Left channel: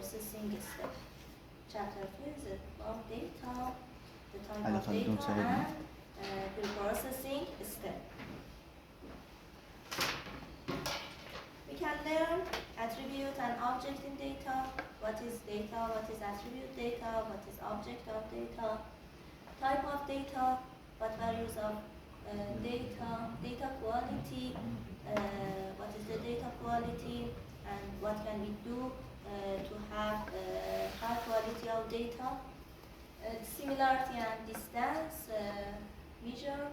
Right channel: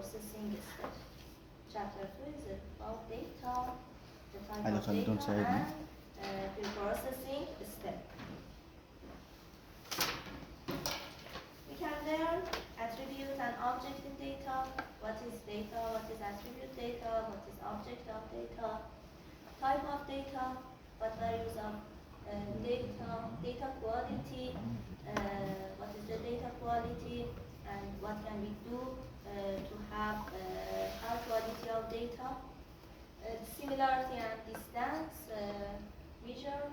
preprocessing step. Chapter 2 is about data, the type هذا of خلدون data ساعدني. and preprocessing step. We can learn attribute and object in data. What is data? What is attribute data? What is object of data? Type of data. What values of data? Data quality. What is the data quality? And what can we do to have high quality of data? Similarity and distance measure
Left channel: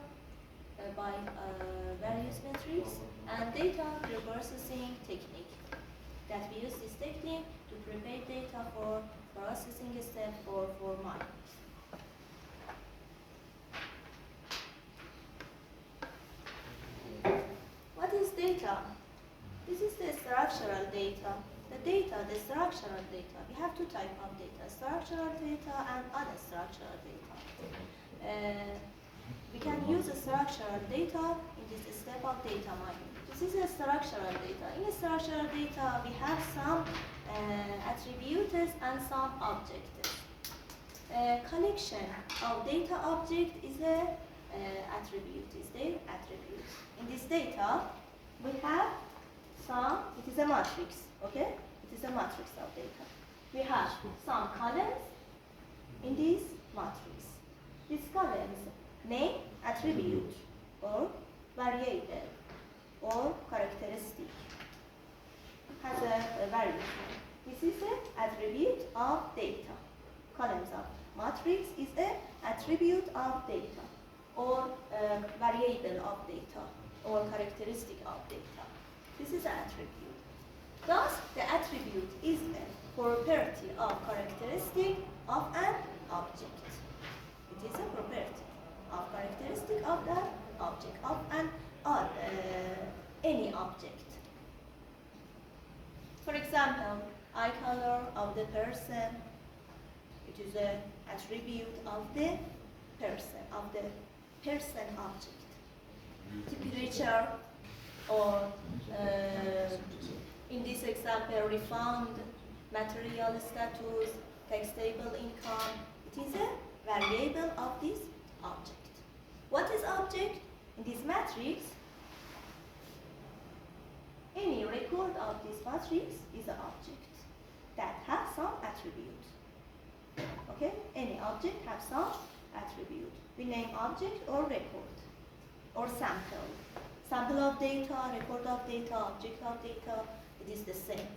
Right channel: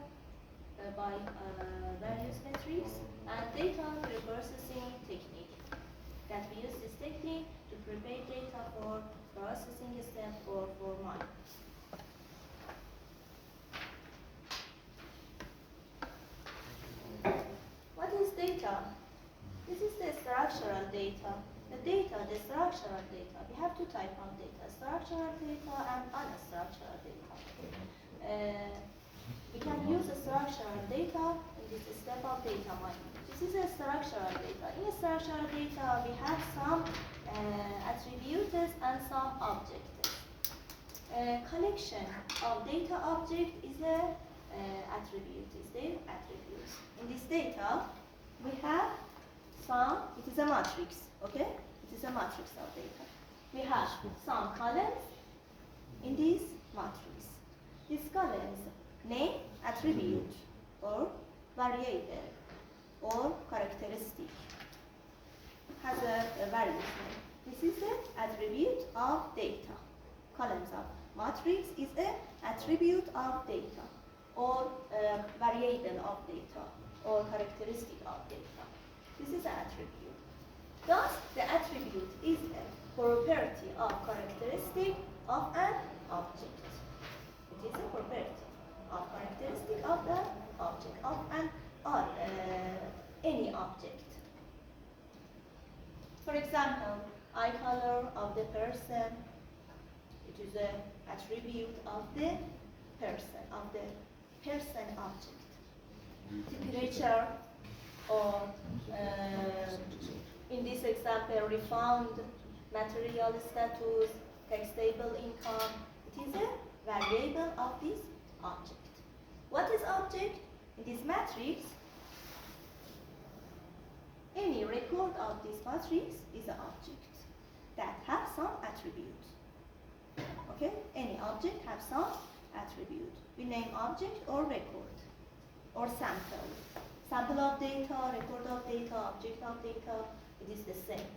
by various metrics, and data preprocessing technique. That we use this technique to prepare data for processing step or for mining. What is data? This is the structural data. The structural data. We have two types of data, structural data and unstructured data. We can use structural data in this step of data mining. This is a structural data. In structural data, we have some attributes and some objects. Collection of data object is a attribute. Is the attribute. In this data, we have some. It is a matrix. Okay, it is a matrix of data. We have some columns in this matrix. These columns name, attribute, or variable, or characteristic. Has a variable name. This is an attribute of data. Columns of matrix is an attribute of data, or variable of data, or characteristic of data. This is an attribute. Thus, the attribute is a property of characteristic of an object. It is a property of characteristic of the object of an or any object. For example, eye color of the person. It is an attribute of the person object. Temperature, or in this example, refound material status, taxable income. It is a variable of this object. What is object? In this matrix, any record of this matrix is an object that has some attribute. Okay? Any object has some attribute. We name object or record or sample. Sample of data, record of data, object of data, it is the same.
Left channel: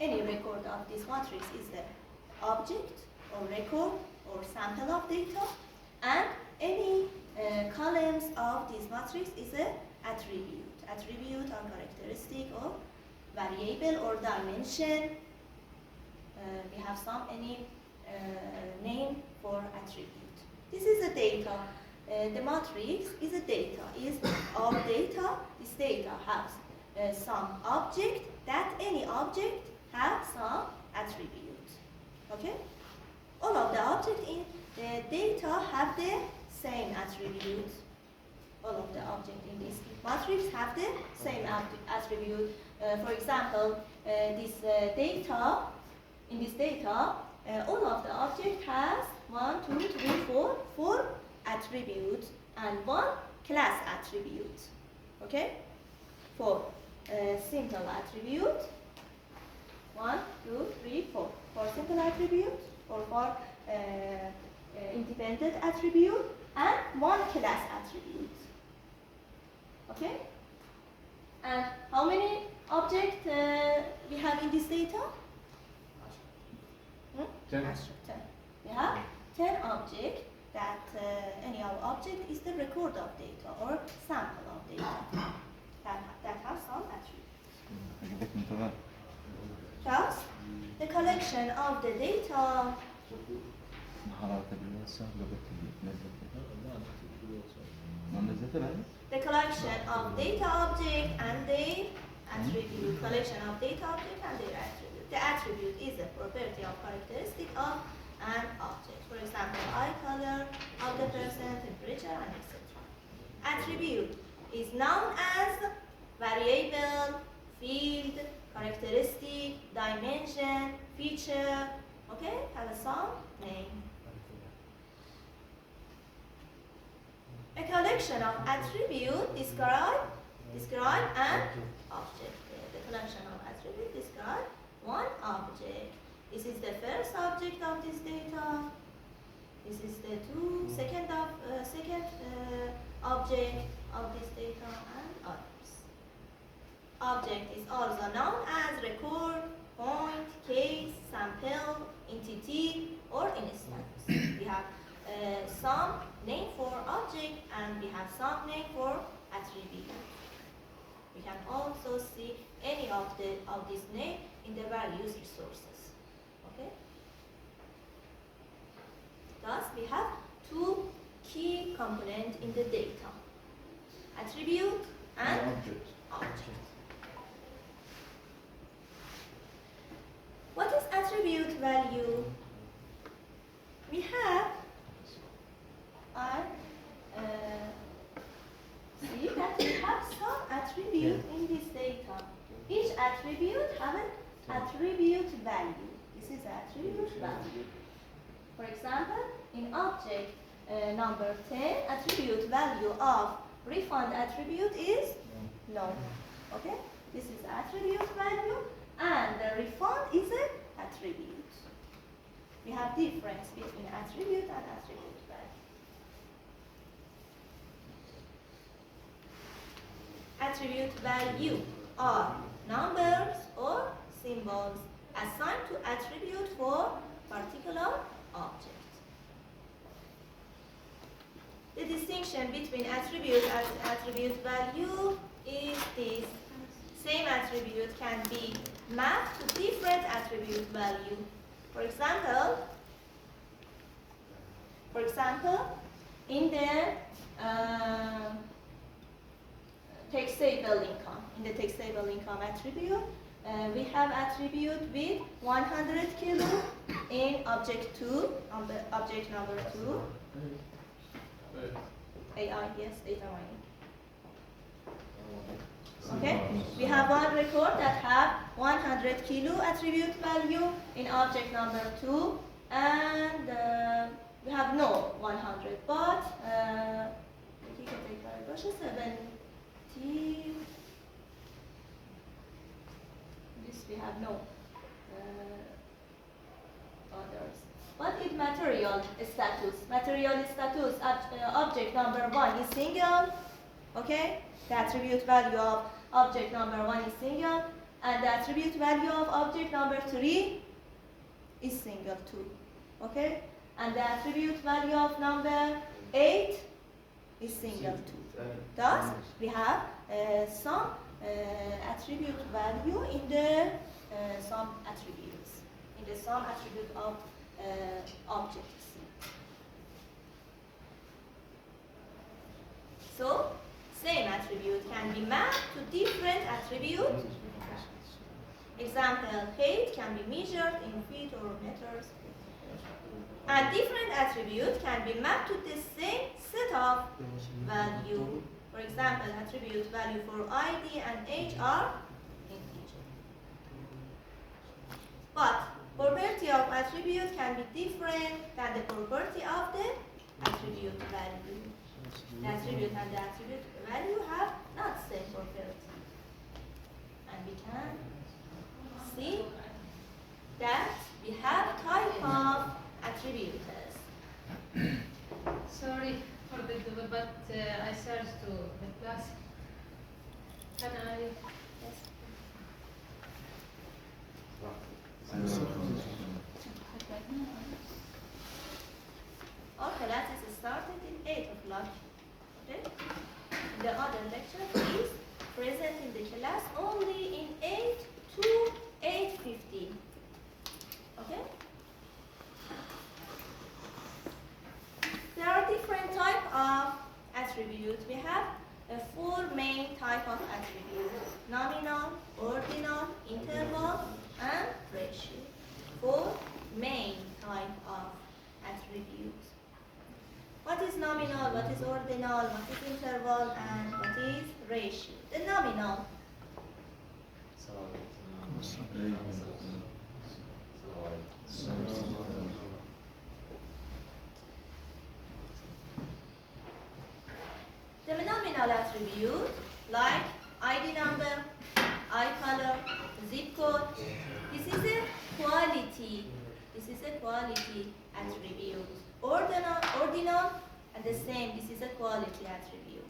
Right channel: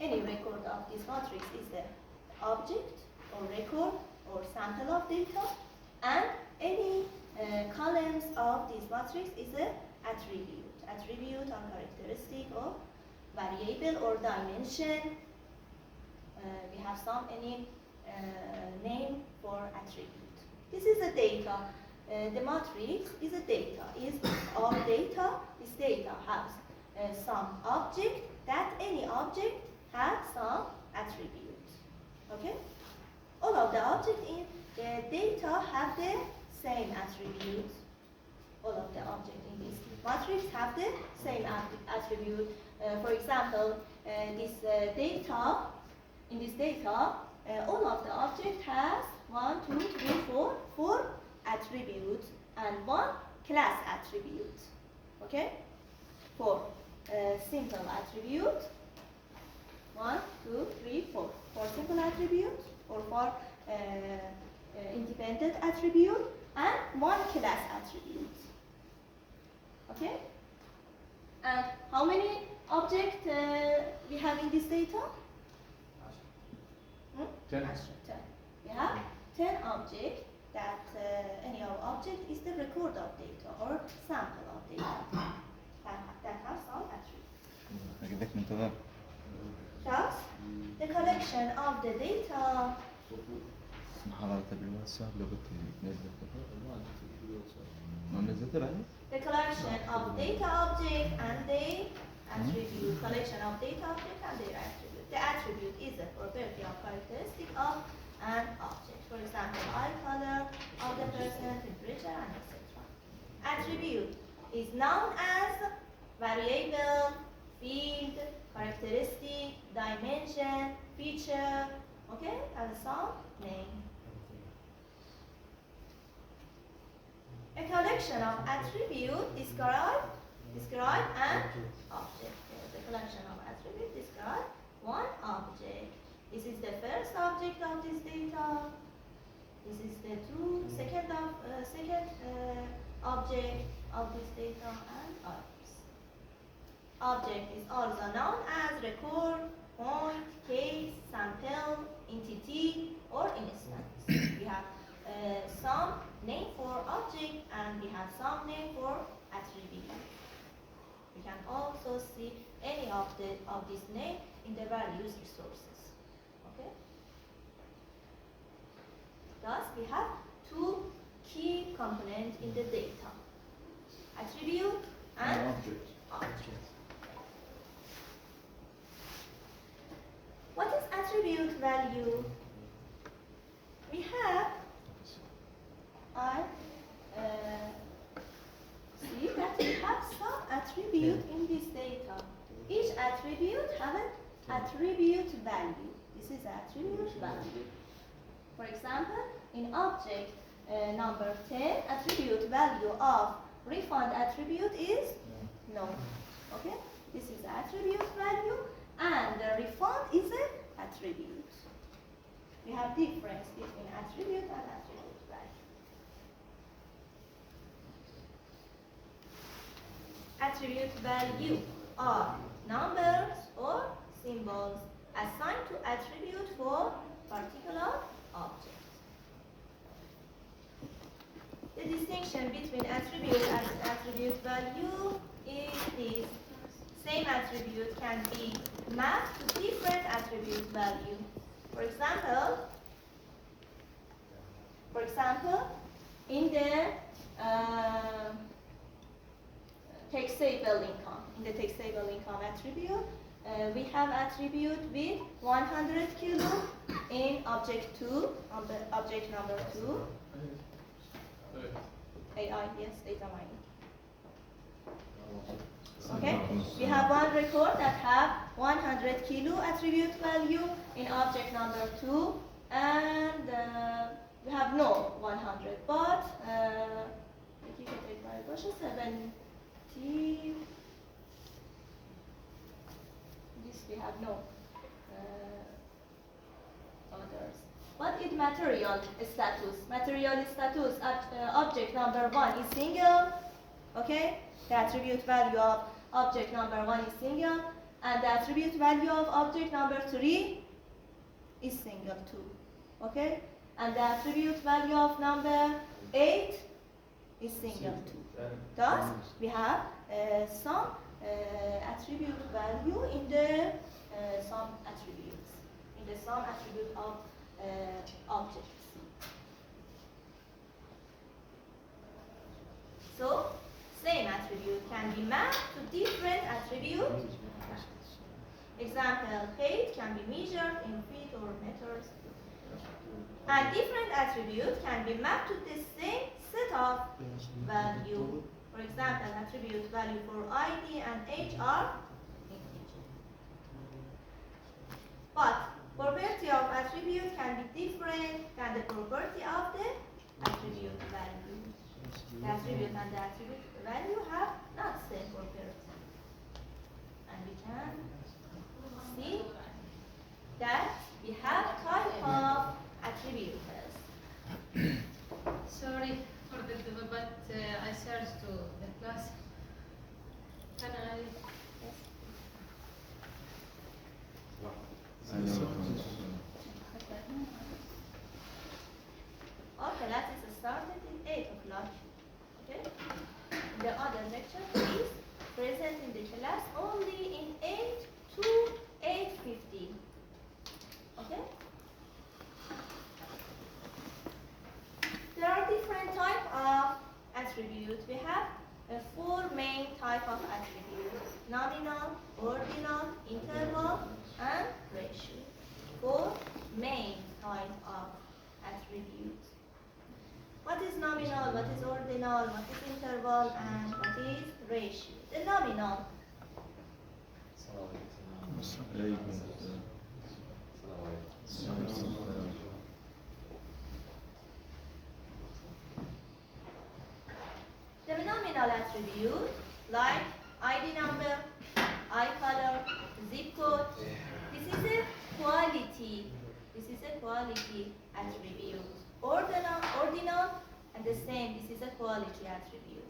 Any record of this matrix is the object or record or sample of data, and any columns of this matrix is an attribute. Attribute or characteristic or variable or dimension. We have some any name for attribute. This is a data. The matrix is a data. Is our data. This data has some object. That any object has some attribute. Okay. All of the objects in the data have the same attribute. All of the objects in this matrix have the same attribute. For example, this data, in this data, all of the object has 1, 2, 3, 4 attributes and 1 class attribute. Okay? For simple attribute, 1, 2, 3, 4. For simple attribute or for independent attribute and 1 class attribute. Okay? And how many objects we have in this data? 10. 10. We have 10 objects that any object is the record of data or sample of data that have some attributes. أجيب لك من تمام. Thus, the collection of the data حرارة الواسع لغة نزلت ما نزلت الآن. The collection of data object and their attribute. Collection of data object and their attribute. The attribute is a property of characteristic of an object. For example, eye color of the person, temperature, and etc. Attribute is known as variable, field, characteristic, dimension, feature, okay, have some name. A collection of attributes describe an object. The collection of attributes describe one object. This is the first object of this data. This is the second object of this data, and others. Object is also known as record, point, case, sample, entity, or instance. We have some name for object and we have some name for attribute. We can also see any of this name in the various resources. Okay. Thus, we have two key components in the data: attribute and object. object. What is attribute value? We have, see that we have some attribute in this data. Each attribute have an attribute value. This is attribute value. For example, in object number 10, attribute value of refund attribute is no. Okay? This is attribute value, and the refund is an attribute. We have difference between attribute and attribute value. Attribute value are numbers or symbols assigned to attribute for particular object. The distinction between attribute and attribute value is this. Same attribute can be mapped to different attribute value. For example, in the taxable income attribute, we have attribute with 100 kilo in object number 2. AI, yes, data mining. Okay, we have one record that have 100 kilo attribute value in object number 2, and we have no 100, but this we have no others. What is material status? Material status at object number 1 is single. Okay, the attribute value of object number 1 is single, and the attribute value of object number 3 is single too. Okay, and the attribute value of number 8 is single too. Thus, we have some attribute value in the some attributes, in the some attribute of objects. So, same attribute can be mapped to different attributes. Example, height can be measured in feet or meters. And different attributes can be mapped to the same set of value. For example, attribute value for ID and age are integer. But property of attribute can be different than the property of the attribute value. The attribute and the attribute value have not same property. And we can see that we have type of attributes. Sorry for the delay, but I searched to the class. Can I? Yes. Our class is started in 8 o'clock. Okay? The other lecture is present in the class only in 8 to 8:15. Okay? There are different types of attributes. We have 4 main types of attributes: nominal, ordinal, interval, and ratio. 4 main types of attributes. What is nominal, what is ordinal, what is interval, and what is ratio? The nominal. number, eye color, zip code. This is a quality. This is a quality attribute. Ordinal, and the same. This is a quality attribute.